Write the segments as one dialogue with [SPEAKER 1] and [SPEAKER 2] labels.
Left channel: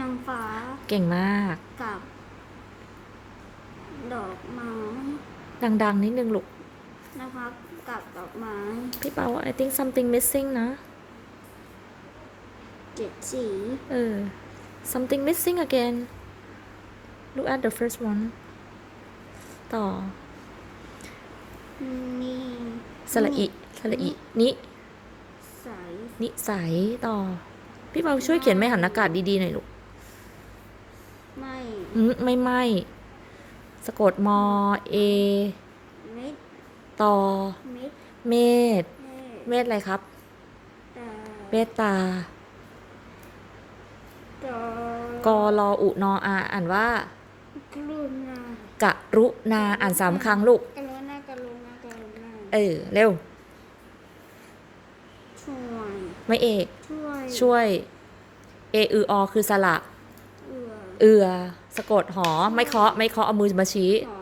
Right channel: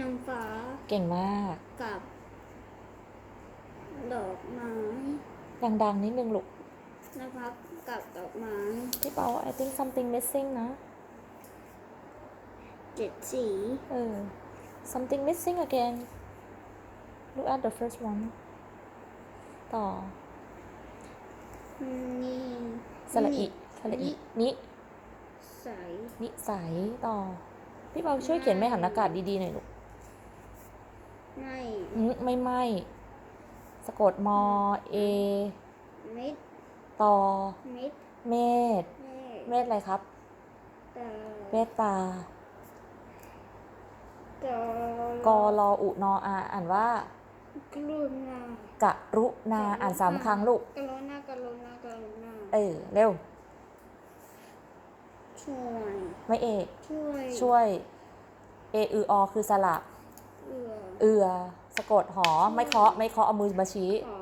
[SPEAKER 1] นางฟ้า
[SPEAKER 2] เก่งมาก
[SPEAKER 1] กับ ดอกไม้
[SPEAKER 2] ดังๆ นิดนึงลูก
[SPEAKER 1] นะครับกับดอกไม้
[SPEAKER 2] พี่เปา I think something missing นะ
[SPEAKER 1] เจ็ดสี
[SPEAKER 2] เออ something missing again look at the first one ต่อ
[SPEAKER 1] นี่
[SPEAKER 2] สระอิสระอินิ
[SPEAKER 1] ใส
[SPEAKER 2] นิสัยต่อ พี่เปาช่วยเขียนไม่หันอากาศดี ๆ หน่อยลูก
[SPEAKER 1] ไม่
[SPEAKER 2] อืมไม่ไม่สะกดมอเอ
[SPEAKER 1] เม็ด
[SPEAKER 2] ต่อ
[SPEAKER 1] เม็ด
[SPEAKER 2] เมษ
[SPEAKER 1] เม็ด
[SPEAKER 2] เมษอะไรครับ
[SPEAKER 1] แต่
[SPEAKER 2] เมตตา
[SPEAKER 1] ดอก
[SPEAKER 2] รออุนออาอ่านว่า
[SPEAKER 1] กรุณาก
[SPEAKER 2] รุณาอ่านสามครั้งลูก
[SPEAKER 1] กรุณากรุณากรุณา
[SPEAKER 2] เออเร็ว
[SPEAKER 1] ช่วย
[SPEAKER 2] ไม่เอก
[SPEAKER 1] ช่วย
[SPEAKER 2] ช่วย เออืออคือสระ
[SPEAKER 1] เอือ
[SPEAKER 2] เอือ สะกดหอ ไม่เคาะ ไม่เคาะ เอามือมาชี้
[SPEAKER 1] ขอ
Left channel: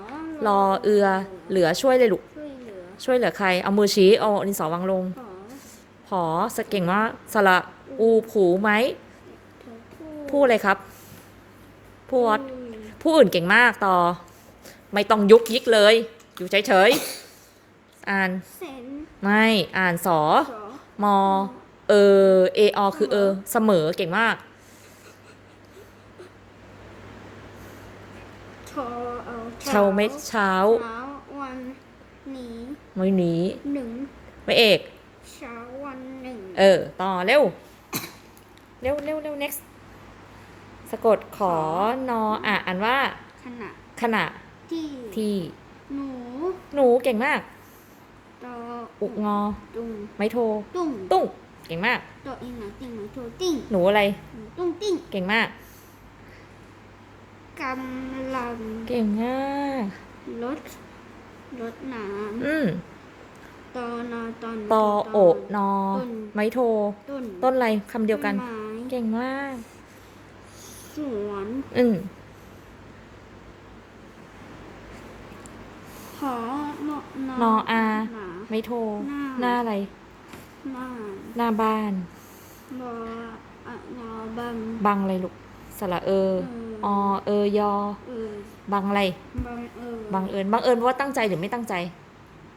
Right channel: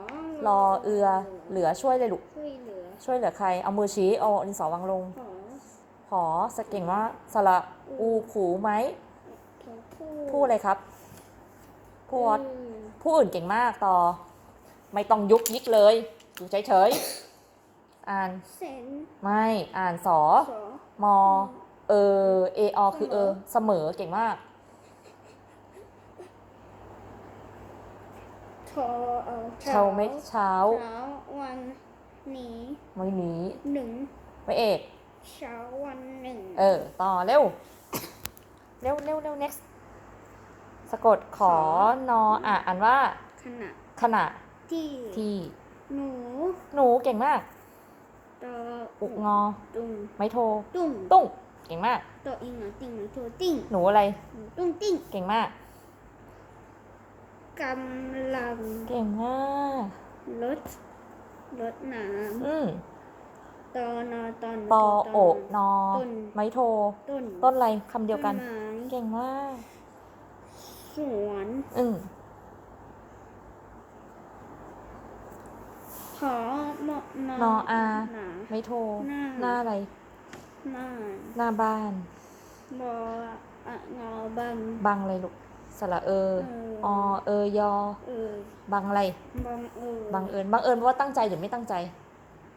[SPEAKER 2] รอเอือ เหลือช่วยเลยลูก
[SPEAKER 1] ช่วยเหลือ
[SPEAKER 2] ช่วยเหลือใคร เอามือชี้ เอาดินสอวางลง
[SPEAKER 1] ขอ
[SPEAKER 2] หอสะเก่งมากสระอูผูไหม
[SPEAKER 1] เธอพู
[SPEAKER 2] พูดอะไรครับ พูด
[SPEAKER 1] อืม
[SPEAKER 2] ผู้อื่นเก่งมากต่อ ไม่ต้องยุกยิกเลย อยู่เฉยๆ อ่าน
[SPEAKER 1] เซน
[SPEAKER 2] ไม่ อ่านสอ
[SPEAKER 1] สอ
[SPEAKER 2] มอ เออ เออ คือเออ เสมอ เก่งมาก
[SPEAKER 1] ทอเอา
[SPEAKER 2] เช้าเม็ดเช้า
[SPEAKER 1] เช้าวันนี้
[SPEAKER 2] ไม่หนี
[SPEAKER 1] หนึ่ง
[SPEAKER 2] ไม่เอก
[SPEAKER 1] เช้าวันหนึ่ง
[SPEAKER 2] เออ ต่อเร็ว เร็วเร็วเร็ว next สะกดขอนออะอ่านว่า
[SPEAKER 1] ขณะ
[SPEAKER 2] ขณะ
[SPEAKER 1] ที่
[SPEAKER 2] ที่
[SPEAKER 1] หนู
[SPEAKER 2] หนูเก่งมาก
[SPEAKER 1] ตอ
[SPEAKER 2] อุงอ
[SPEAKER 1] ตุ้ง
[SPEAKER 2] ไม่โทร
[SPEAKER 1] ตุ้ง
[SPEAKER 2] ตุ้งเก่งมาก
[SPEAKER 1] ตออีหนังติ่งหนูโทติ้ง
[SPEAKER 2] หนูอะไร
[SPEAKER 1] หนูตุ้งติ้ง
[SPEAKER 2] เก่งมาก
[SPEAKER 1] กำลัง
[SPEAKER 2] เก่งมาก
[SPEAKER 1] รถรถน้
[SPEAKER 2] อืมำ
[SPEAKER 1] ตอนอตอน
[SPEAKER 2] ตอโอะนอ
[SPEAKER 1] ต้น
[SPEAKER 2] ไม่โทร
[SPEAKER 1] ต้น
[SPEAKER 2] ต้นอะไรคำเดียวกัน
[SPEAKER 1] ต้ไม้
[SPEAKER 2] เก่งมาก
[SPEAKER 1] สวน
[SPEAKER 2] อืม
[SPEAKER 1] หอนอน
[SPEAKER 2] ออา
[SPEAKER 1] หนา
[SPEAKER 2] ไม่โทร
[SPEAKER 1] หน้า
[SPEAKER 2] หน้าอะไร
[SPEAKER 1] หน้า
[SPEAKER 2] หน้าบ้าน
[SPEAKER 1] บออะงอบัง
[SPEAKER 2] บังอะไรลูกสระเออ
[SPEAKER 1] เออ
[SPEAKER 2] อเออยอ
[SPEAKER 1] เออ
[SPEAKER 2] บังอะไร
[SPEAKER 1] บังเออ
[SPEAKER 2] บังเอิญ บังเอิญว่าตั้งใจหรือไม่ตั้งใจ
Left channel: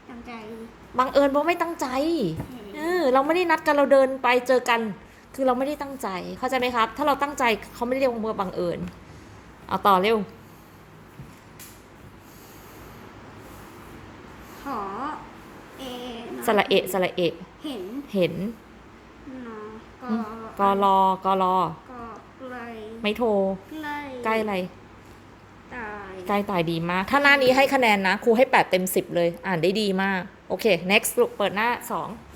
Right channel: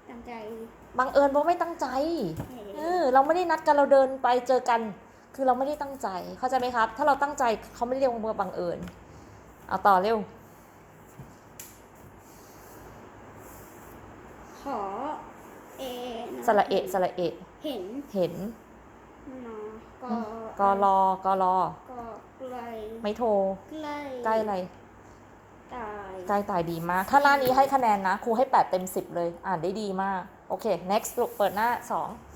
[SPEAKER 1] ตั้งใจ
[SPEAKER 2] บังเอิญว่าไม่ตั้งใจ เออ เราไม่ได้นัดกันเราเดินไปเจอกัน คือเราไม่ได้ตั้งใจ เข้าใจไหมครับ ถ้าเราตั้งใจเขาไม่ได้เรียกว่าบังเอิญ เอาต่อเร็ว
[SPEAKER 1] ขอเอ
[SPEAKER 2] สระเอะสระเอะ
[SPEAKER 1] เห็น
[SPEAKER 2] เห็น
[SPEAKER 1] นอก
[SPEAKER 2] อรอกอรอ
[SPEAKER 1] ก็ไกล
[SPEAKER 2] ไม่โทร
[SPEAKER 1] ใกล้
[SPEAKER 2] ใกล้อะไร
[SPEAKER 1] ตาย
[SPEAKER 2] ใกล้ตายดีมาก ถ้าหน้านี้ให้คะแนนนะ ครูให้ 8 เต็ม 10 เลย อ่านได้ดีมาก โอเค next ลูกเปิดหน้า 2